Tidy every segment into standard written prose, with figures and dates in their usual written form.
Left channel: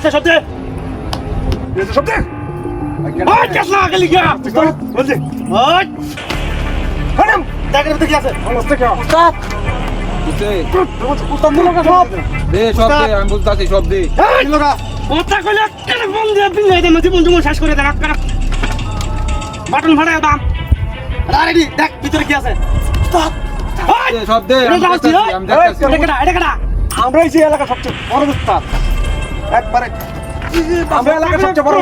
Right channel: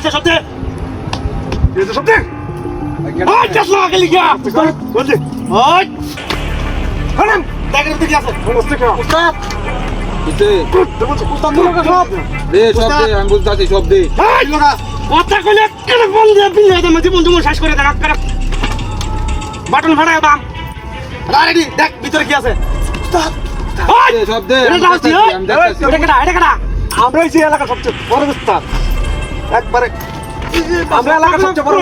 আছে সত্যি এটা সত্যি ওই কাসলা গেলি গিয়া বলছি ওই হারাম দেখেন তো কি আছে নমস্তে না উস্তাদ উস্তাদ মুলকা সব দে সব দে আমি বুঝতাছি সব দে মুলকা কথা কইলে কেন বন্ধ বিলে দে মতি বন্ধু শেষ করে দেন আপনারা বাটন ফাড়ায় দাম রেডি দেখ ভিতরে কি আছে উস্তাদ দে সব দে আমি দেখতাছি এটা কেডা আমরা এই এলাকা সবচেয়ে বড় উস্তাদ একবারে আমরা এলাকা সবচেয়ে বড়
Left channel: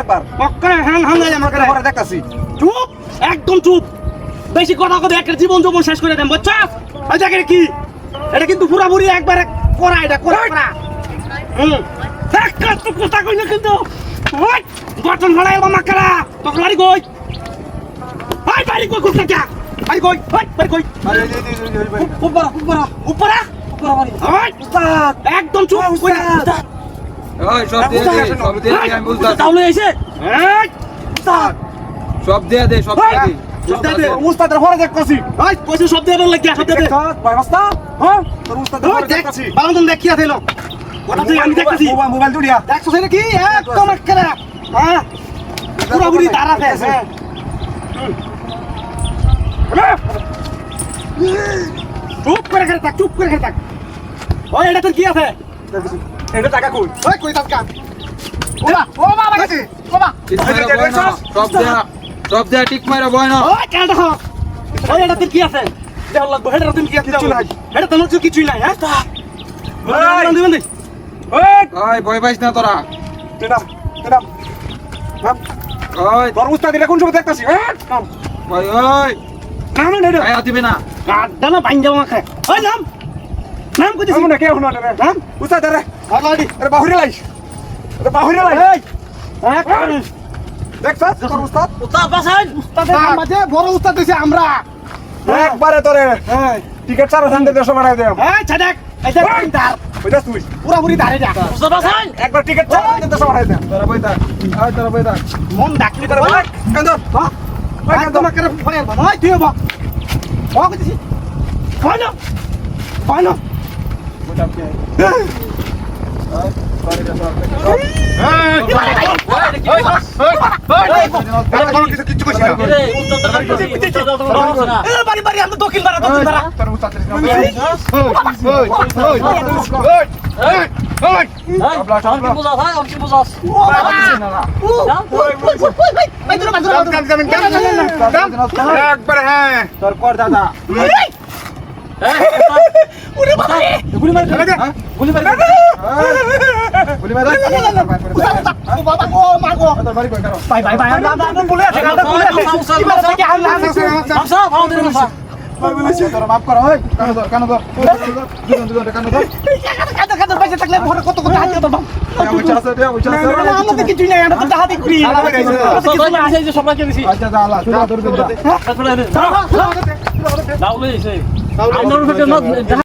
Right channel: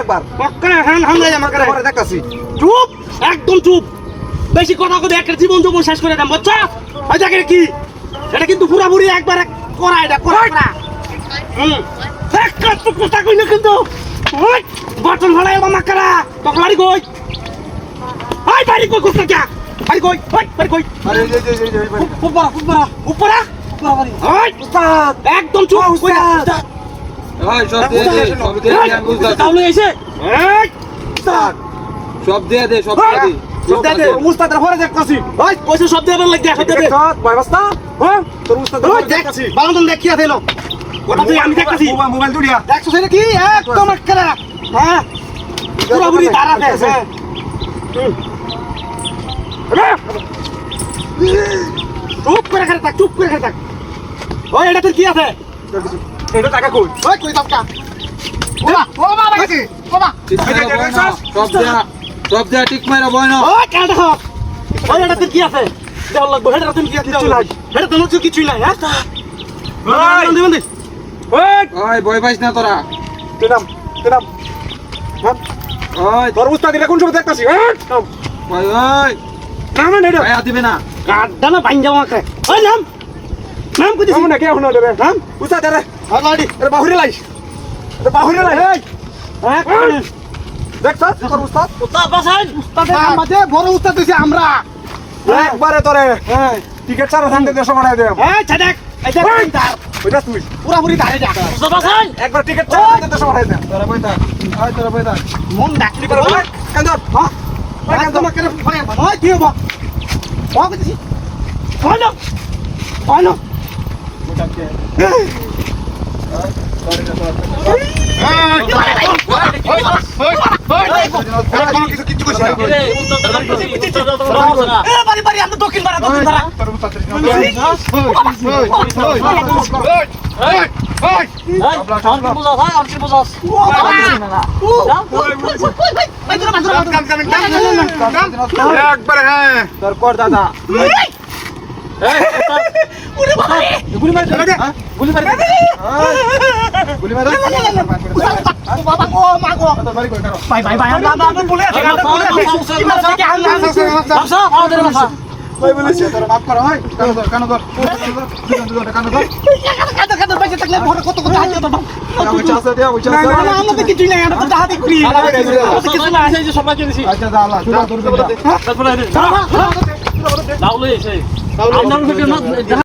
একবার মক্কা হ্যাং হ্যাং হয়ে আমার করে পরে দেখতাছি চুপ একদম চুপ বেশি কথা কই একটা জীবন জীবন শেষ করে দেন বাচ্চা এই জায়গায় কি এটা কিন্তু পুরাপুরি একবার করা এটা করা এক কাজ তো কথা কই না কিন্তু ওই বাটন ফাড়ায় আমার করে তোর বাড়ি কই হাই বাড়ি কই কোথা কে বাড়ি কই বাড়ি কই আরে উপরা বাড়ি ওই উস্তাদ একদম চুপ উস্তাদ ওই সব দে সব দে আমি বুঝতাছি তাহলে এসে এই উস্তাদ সব দে সব দে উস্তাদের পরে দেখতাছি ভাই কইছে সব দেবার লাগি সব দে ভাই বাস্তা হ্যাঁ তোর উস্তাদের পরে দেখতাছি বালন দেখ কি আছে লো ওটা তুই আমি দেখতাছি মোবাইল দুড়িয়া দেখছো সেটা কি একদম একলা হ্যাঁ পুরোপুরি দাঁড়া আছে চুপ করে থাক ওই এটা তোর কি আছে এটা টাকা কই ওই কই টাকা ওবা লাগাছে ওবা সব দে ঠিক মাইরা বয় না ওই কেন দেখো ওই এটা তোর কি আছে দেওয়া লাগবে এটা তোর কি আছে কিছু নাই এটা তোর কিছুই নাই হ্যাঁ বন্ধু ওই ভয় পাইস না তোরা তেনাম ওই তোর উস্তাদ এটা কোন সময় দেখতাছি ওই নাম না এটা আয়া দিবে না গাড্ডা না বাইন যাওয়া করে ওই নাম কইছিস না কে হনো দেবে নাম উস্তাদ রে আগাড়ি আরে বাহুরে লাই এই দেখছস তোর উস্তাদ বাসান উস্তাদের মাঝে বড় উস্তাদ হইছে আমরা একবারে তোরে হ্যাঁ টিকেট 4 দেশে বানাই দে এই ছাড়ক এই দেখ ওইটা তুই পুরোপুরি দাঁড়িয়ে যা বাসান একবার টিকেট 4 দেশে বানাই দে তোরা বইতা মন ডাকলি করে কান্দর হ্যাঁ কান্দর করে ফরে ভাই তুই বা ও কইছিস কইনো একবার হ্যাঁ তোর কর দাদা গুলি মার বাবা ও মাগো ভাই আমরা বলে আছে কি মারা থেকে হাল না বাসা ভালো করে বাসা ভাই বলেছে তোর মাফ কর ভাই কানো ধর কানো বাইরে থাকলে ভরে কত কথা আছে তো উচ্চা আছে দেয়া উচ্চা আছে না আমাদের কিছু নাই আমরা তো হাতে করি আমাদের কিছু না আছে যে সবাইকে দিছি আচ্ছা যা আল্লাহ তোর দূর দে তারপরে দাও লই এসে আমরা